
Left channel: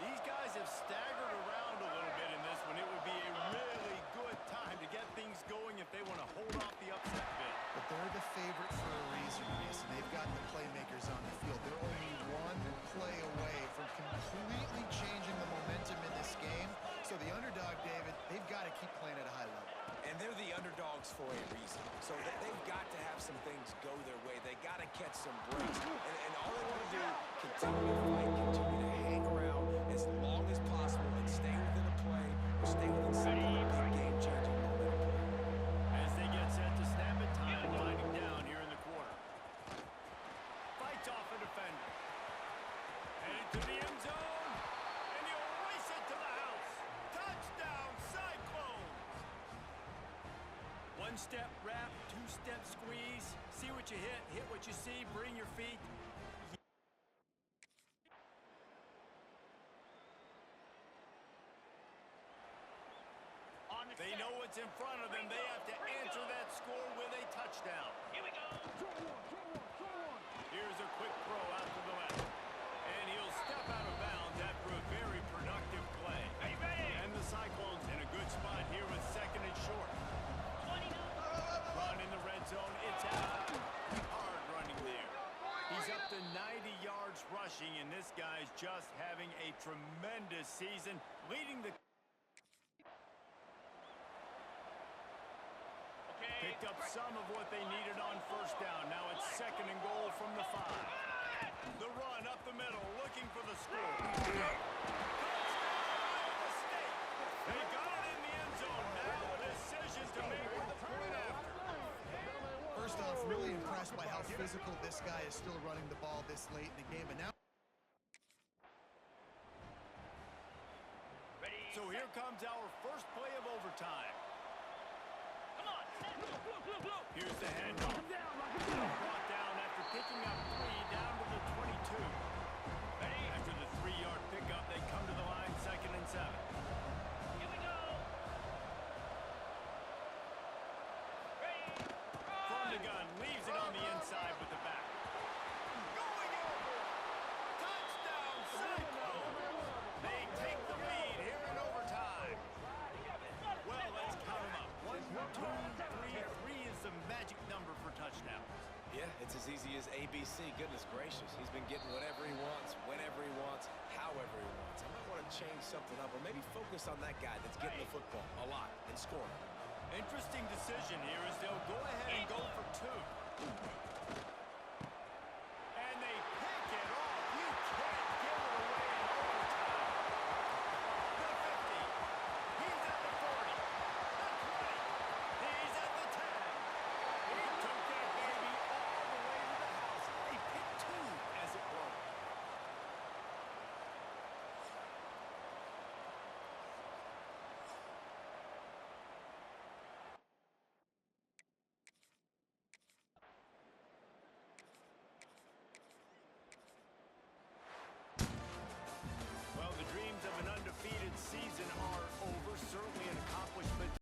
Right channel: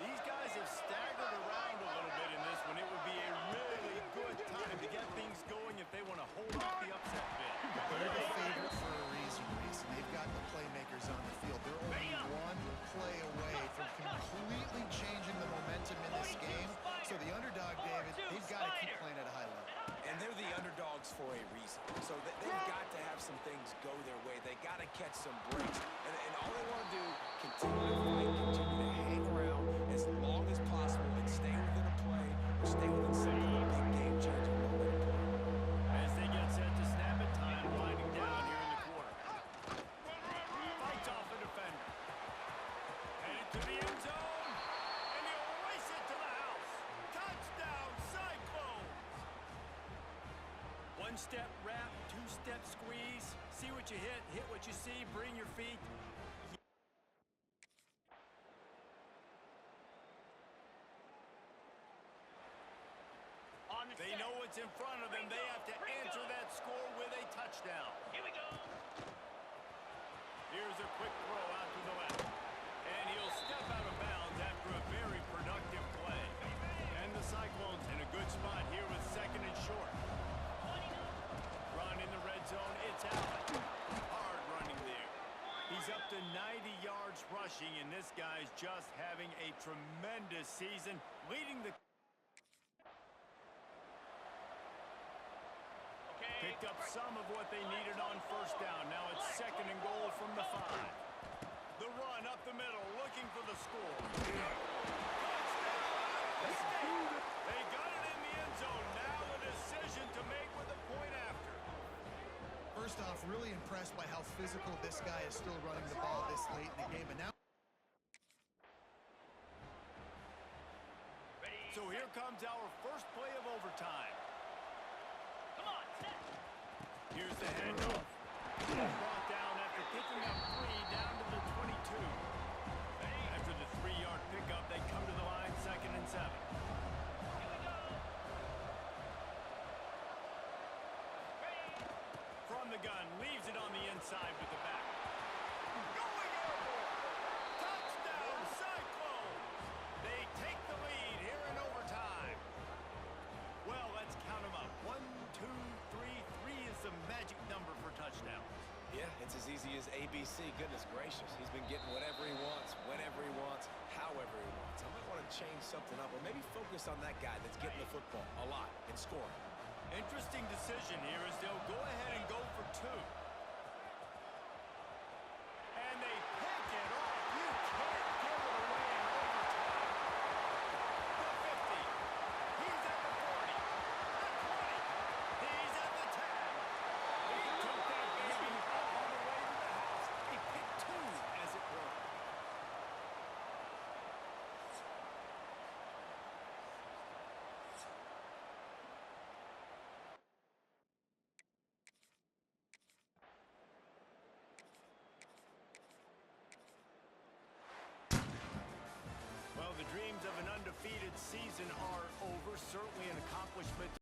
These guys have staggered around a little bit in this one. It would be a really good time to get things going if they want to hold off the upset bid. But they're the favorite for a reason, Reese, and they've got the playmakers on the field. They're only one play away from completely changing the momentum in this game. So the underdog, David, they've got to keep playing at a high level. And they're the underdogs for a reason. So they've got to have some things go their way. They got to catch some breaks. And all they want to do, continue to fight, continue to hang around as long as possible and stay within a play or stay within some kind of big game-changing momentum play. As they get set to snap it, time winding down here in the quarter. Fights off a defender. Headed to the end zone. And he'll race it to the house. Touchdown, Cyclones! One step wrap, 2-step squeeze. See what you hit what you see, bring your feet. On the They set. know what's in front of them. They have to answer that score with a touchdown. Here we go. Here's a quick throw out to the left. And he'll step out of bounds after a very productive play. Are you ready? And the Cyclones in a good spot here with second and short. 29. Run in the red zone. It's out. Hard running there. He's up to 90 yards rushing, and this guy's just having a tremendous season, leading the... Okay. Picked up some of what they needed on first down. Now it's second and goal from the 5. The run up the middle, looking for the score. Touchdown, Iowa really impressed by how physical this guy is still running the ball this late in the game. But now Ready. So here comes our first play of overtime. Come on, set. Here's the handoff. Brought down after picking up 3 down to the 22. Ready. After the 3-yard pickup, they come to the line 2nd and 7. Here we go. Ready. From the gun, leaves it on the inside with the back. Going airborne. Touchdown, Cyclones. They take the lead here in overtime. Well, let's count them up. 1, 2, 3. 3 is the magic number for touchdowns. Yeah, it's as easy as ABC. Goodness gracious. He's been getting whatever he wants, whenever he wants, however he wants. I might want to change something up or maybe focus on that guy that's getting the football a lot and scoring. Interesting decision here as they'll go ahead and go for 2. And they pick it off. You can't give it away in overtime. The 50. He's at the 40. The 20. He's at the 10. He took that baby all the way to the house. A pick 2, as it were. Well, the dreams of an undefeated season are over. Certainly an accomplishment